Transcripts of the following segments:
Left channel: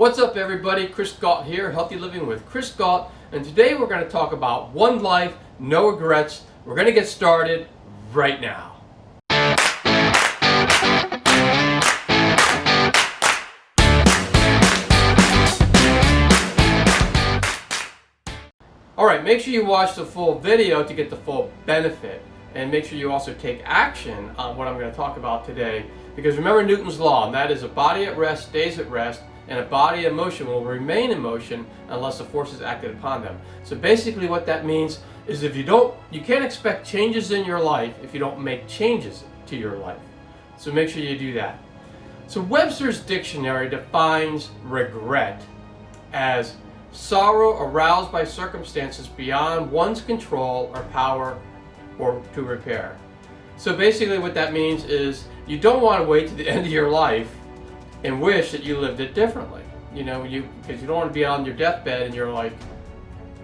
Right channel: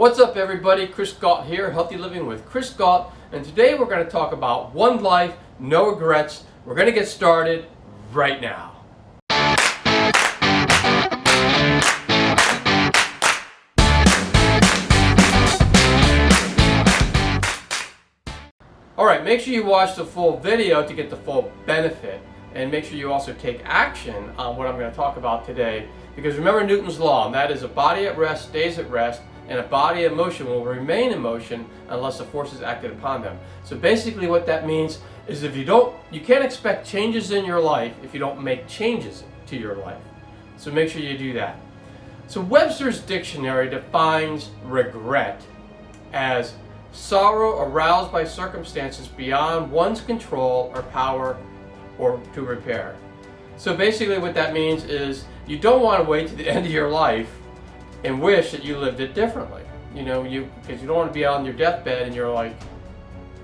What's up everybody, Chris Gault here, Healthy Living with Chris Gault, and today we're going to talk about one life, no regrets. We're going to get started right now. Alright, make sure you watch the full video to get the full benefit, and make sure you also take action on what I'm going to talk about today, because remember Newton's law, and that is a body at rest stays at rest, and a body in motion will remain in motion unless a force is acted upon them. So basically what that means is you can't expect changes in your life if you don't make changes to your life. So make sure you do that. So Webster's dictionary defines regret as sorrow aroused by circumstances beyond one's control or power or to repair. So basically what that means is you don't want to wait to the end of your life and wish that you lived it differently. Because you don't want to be on your deathbed and you're like,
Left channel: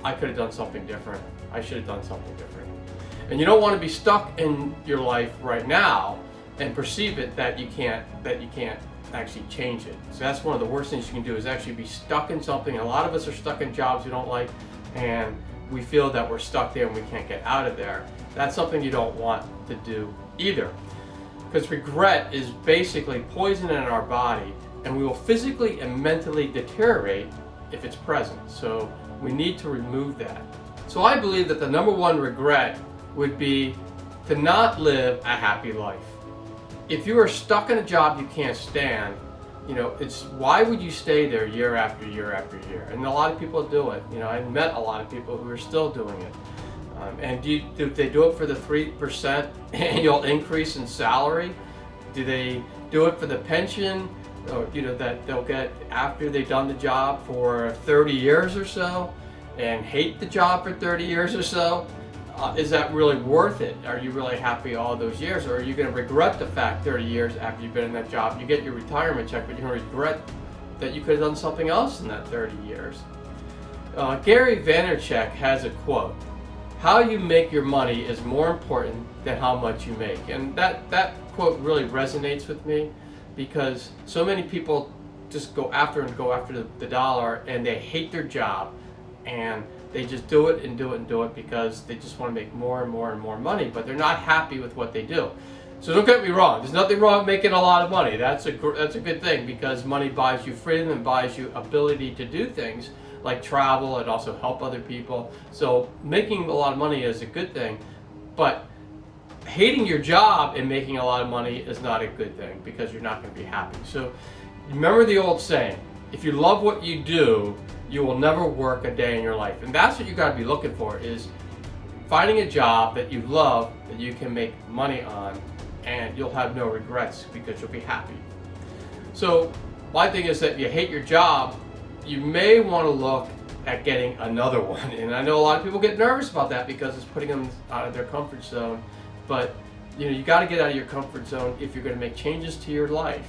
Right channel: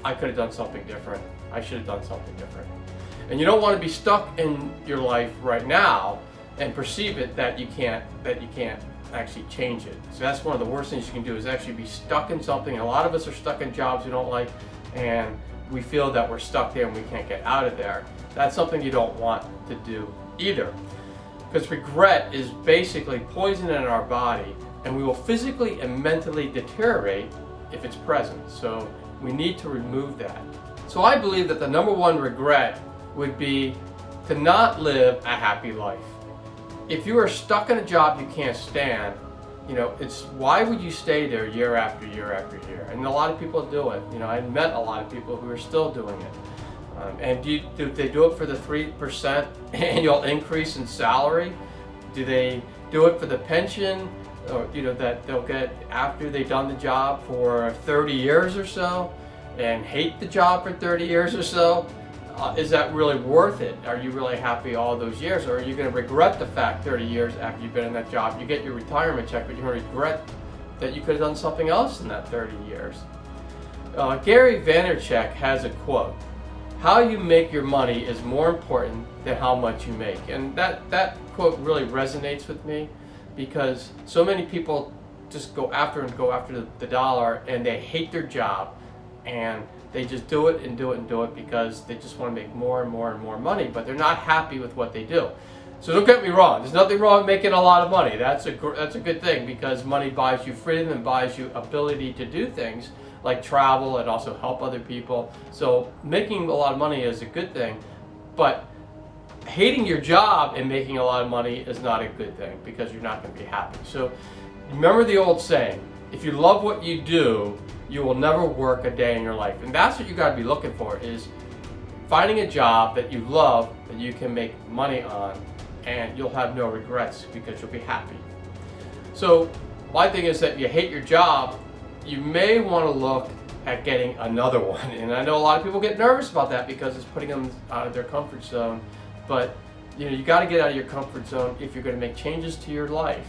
I could have done something different. I should have done something different. And you don't want to be stuck in your life right now and perceive it that you can't actually change it. So that's one of the worst things you can do, is actually be stuck in something. And a lot of us are stuck in jobs we don't like, and we feel that we're stuck there and we can't get out of there. That's something you don't want to do either. Because regret is basically poison in our body, and we will physically and mentally deteriorate if it's present. So we need to remove that. So I believe that the number one regret would be to not live a happy life. If you are stuck in a job you can't stand, it's why would you stay there year after year after year? And a lot of people do it. I've met a lot of people who are still doing it. And do they do it for the 3% annual increase in salary? Do they do it for the pension, or, that they'll get after they've done the job for 30 years or so, and hate the job for 30 years or so? Is that really worth it? Are you really happy all those years, or are you going to regret the fact 30 years after you've been in that job? You get your retirement check, but you're going to regret that you could have done something else in that 30 years. Gary Vaynerchuk has a quote: "How you make your money is more important than how much you make." And that quote really resonates with me, because so many people just go after the dollar, and they hate their job, and they just do it and do it and do it because they just want to make more and more and more money, but they're not happy with what they do. So don't get me wrong, there's nothing wrong with making a lot of money. That's a good thing, because money buys you freedom and buys you ability to do things like travel and also help other people. So making a lot of money is a good thing, but hating your job and making a lot of money is not a good thing, because you're not going to be happy. So remember the old saying, if you love what you do, you will never work a day in your life. And that's what you got to be looking for, is finding a job that you love, that you can make money on, and you'll have no regrets because you'll be happy. So my thing is that if you hate your job, you may want to look at getting another one. And I know a lot of people get nervous about that because it's putting them out of their comfort zone. But you got to get out of your comfort zone if you're going to make changes to your life.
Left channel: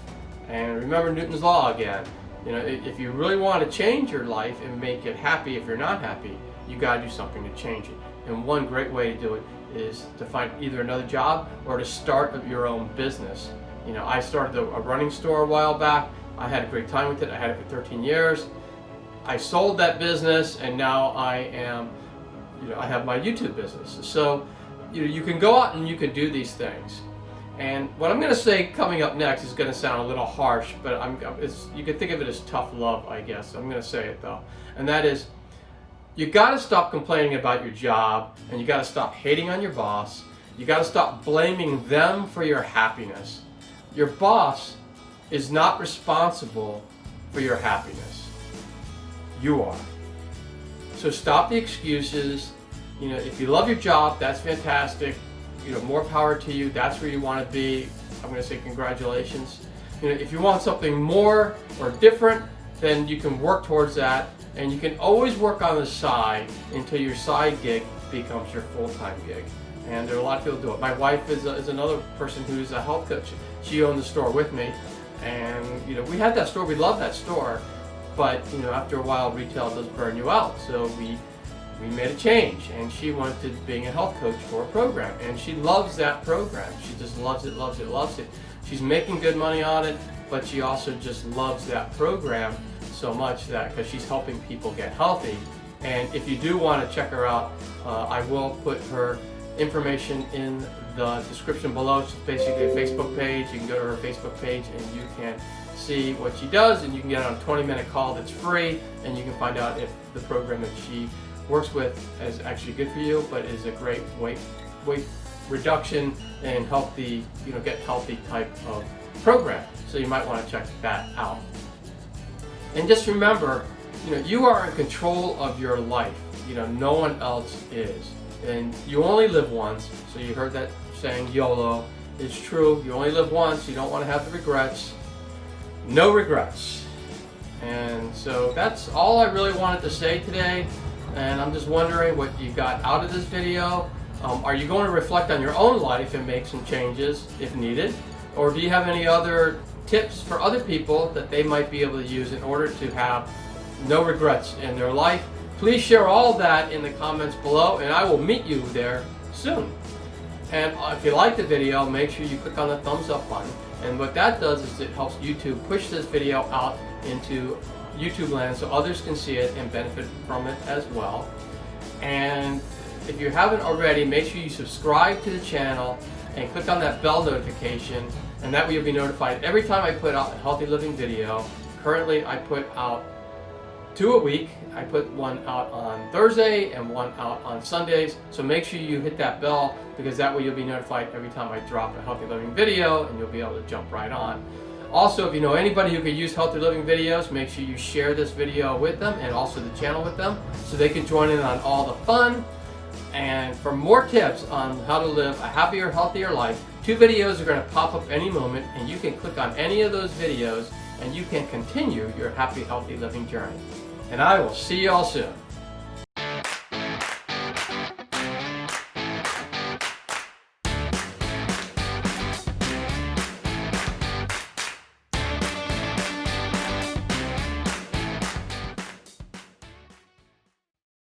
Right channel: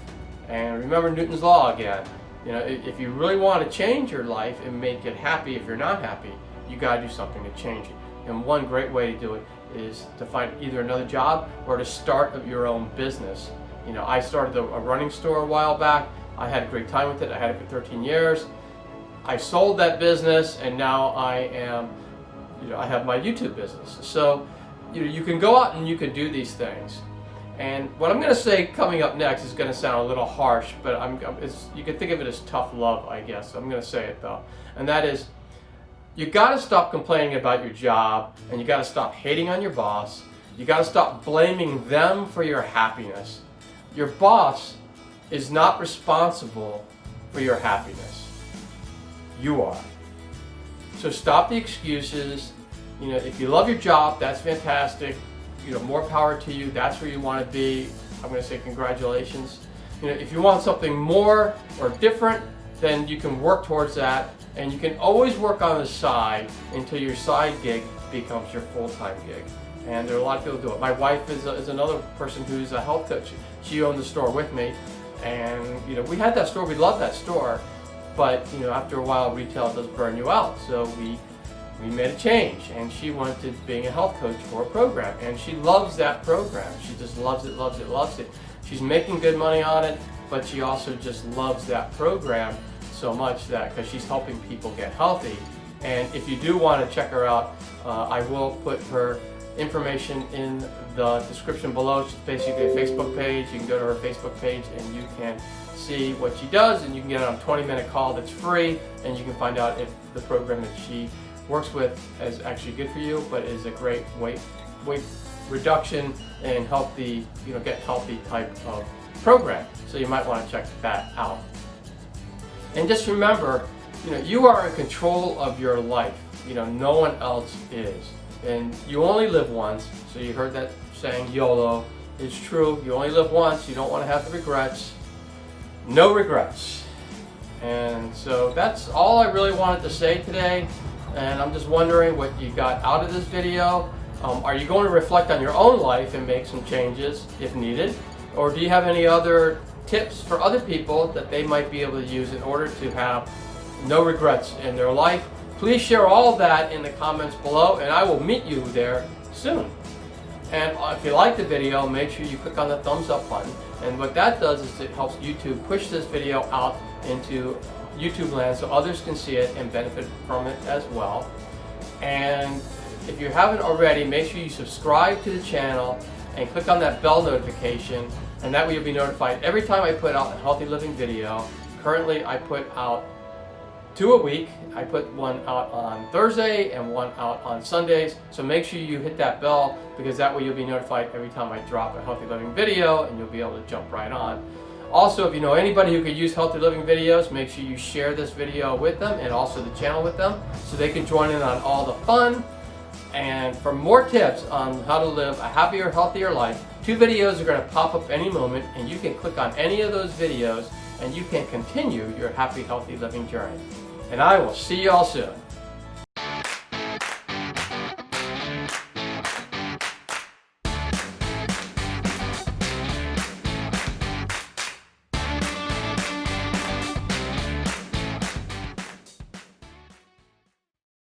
And remember Newton's law again. If you really want to change your life and make it happy, if you're not happy, you got to do something to change it. And one great way to do it is to find either another job or to start your own business. I started a running store a while back. I had a great time with it. I had it for 13 years. I sold that business, and now I have my YouTube business. So, you can go out and you can do these things. And what I'm going to say coming up next is going to sound a little harsh, but you can think of it as tough love, I guess. I'm going to say it though. And that is, you got to stop complaining about your job, and you got to stop hating on your boss. You got to stop blaming them for your happiness. Your boss is not responsible for your happiness. You are. So stop the excuses. If you love your job, that's fantastic. More power to you. That's where you want to be. I'm going to say congratulations. If you want something more or different, then you can work towards that, and you can always work on the side until your side gig becomes your full-time gig. And there are a lot of people who do it. My wife is another person who's a health coach. She owned the store with me, and we had that store. We loved that store, but after a while, retail does burn you out. So we made a change, and she went to being a health coach for a program, and she loves that program. She just loves it, loves it, loves it. She's making good money on it, but she also just loves that program. so much that because she's helping people get healthy. And if you do want to check her out, I will put her information in the description below. She's basically a Facebook page. You can go to her Facebook page and you can see what she does, and you can get on a 20-minute call that's free, and you can find out if the program that she works with is actually good for you, but is a great weight reduction and healthy, get healthy type of program. So you might want to check that out. And just remember, you are in control of your life. No one else is. And you only live once. So you heard that saying, YOLO. It's true. You only live once. You don't want to have the regrets. No regrets. And so that's all I really wanted to say today. And I'm just wondering what you got out of this video. Are you going to reflect on your own life and make some changes if needed? Or do you have any other tips for other people that they might be able to use in order to have no regrets in their life? Please share all of that in the comments below, and I will meet you there soon. And if you like the video, make sure you click on the thumbs up button. And what that does is it helps YouTube push this video out into YouTube land so others can see it and benefit from it as well. And if you haven't already, make sure you subscribe to the channel and click on that bell notification, and that way you'll be notified every time I put out a healthy living video. Currently I put out 2 a week. I put one out on Thursday and one out on Sundays. So make sure you hit that bell, because that way you'll be notified every time I drop a healthy living video, and you'll be able to jump right on. Also, if you know anybody who could use healthy living videos, make sure you share this video with them and also the channel with them so they can join in on all the fun. And for more tips on how to live a happier, healthier life, 2 videos are going to pop up any moment, and you can click on any of those videos and you can continue your happy, healthy living journey. And I will see you all soon.